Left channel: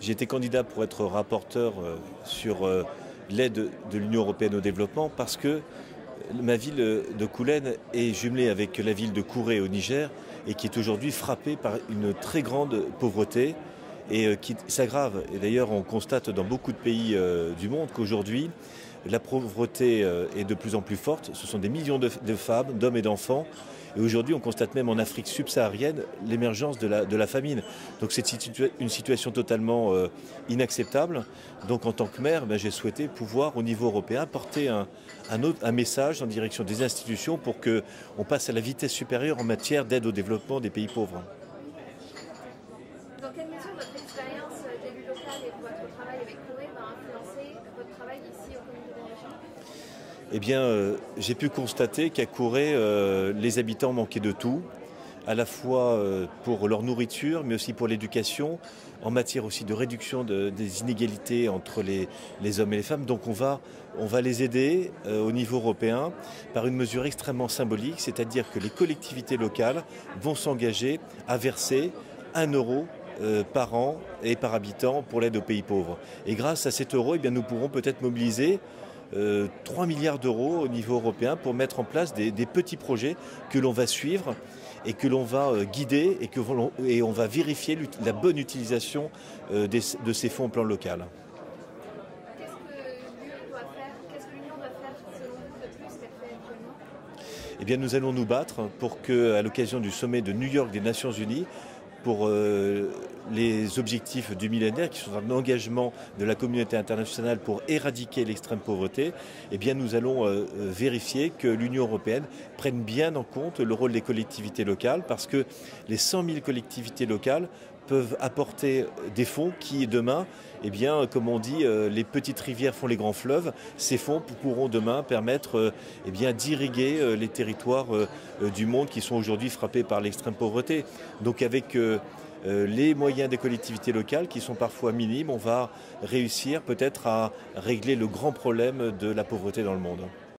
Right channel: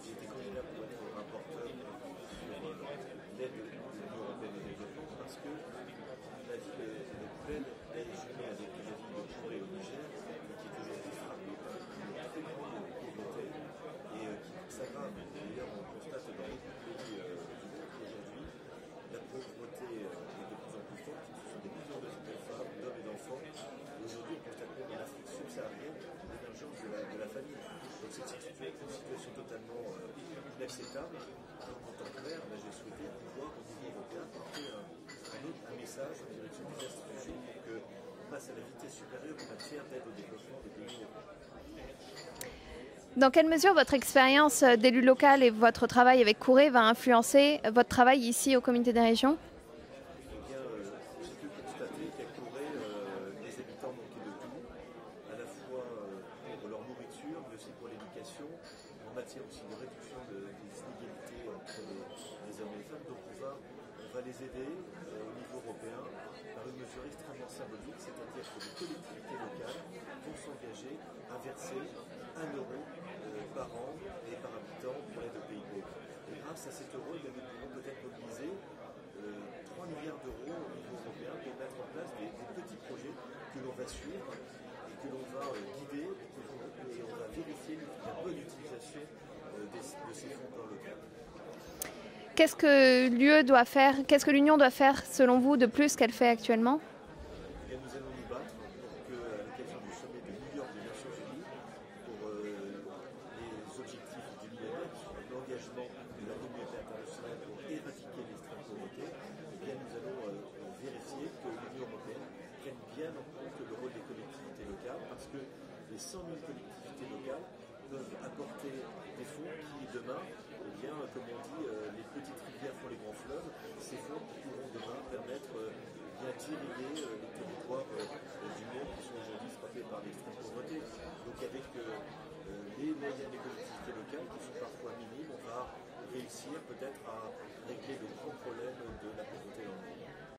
J'ai été candidat pour être rapporteur sur l'aide de l'Union européenne au développement parce que ma ville de Koulen est jumelée avec la ville de Kouré au Niger et qui est aujourd'hui frappée par une très grande pauvreté et qui s'aggrave. Et d'ailleurs, on constate dans beaucoup de pays du monde qu'aujourd'hui, la pauvreté est de plus en plus forte. Ce sont des millions de femmes, d'hommes et d'enfants. Et aujourd'hui, on constate même en Afrique subsaharienne l'émergence de la famine. Donc c'est une situation totalement inacceptable. Donc en tant que maire, j'ai souhaité pouvoir, au niveau européen, porter un message en direction des institutions pour qu'on passe à la vitesse supérieure en matière d'aide au développement des pays pauvres. Dans quelle mesure votre expérience d'élu local et votre travail avec Kouré va influencer votre travail ici au Comité des régions? Eh bien, j'ai pu constater qu'à Kouré, les habitants manquaient de tout, à la fois pour leur nourriture, mais aussi pour l'éducation, en matière aussi de réduction des inégalités entre les hommes et les femmes. Donc on va les aider au niveau européen par une mesure extrêmement symbolique, c'est-à-dire que les collectivités locales vont s'engager à verser 1 € par an et par habitant pour l'aide aux pays pauvres. Et grâce à cet euro, nous pourrons peut-être mobiliser 3 milliards d'euros au niveau européen pour mettre en place des petits projets que l'on va suivre et que l'on va guider et on va vérifier la bonne utilisation de ces fonds au plan local. Qu'est-ce que l'Union doit faire selon vous de plus qu'elle fait actuellement? Eh bien, nous allons nous battre pour qu'à l'occasion du sommet de New York des Nations Unies, pour les objectifs du millénaire, qui sont un engagement de la communauté internationale pour éradiquer l'extrême pauvreté, eh bien nous allons vérifier que l'Union européenne prenne bien en compte le rôle des collectivités locales, parce que les 100 000 collectivités locales peuvent apporter des fonds qui, demain, eh bien, comme on dit, les petites rivières font les grands fleuves. Ces fonds pourront demain permettre d'irriguer les territoires du monde qui sont aujourd'hui frappés par l'extrême pauvreté. Donc avec les moyens des collectivités locales qui sont parfois minimes, on va réussir peut-être à régler le grand problème de la pauvreté dans le monde.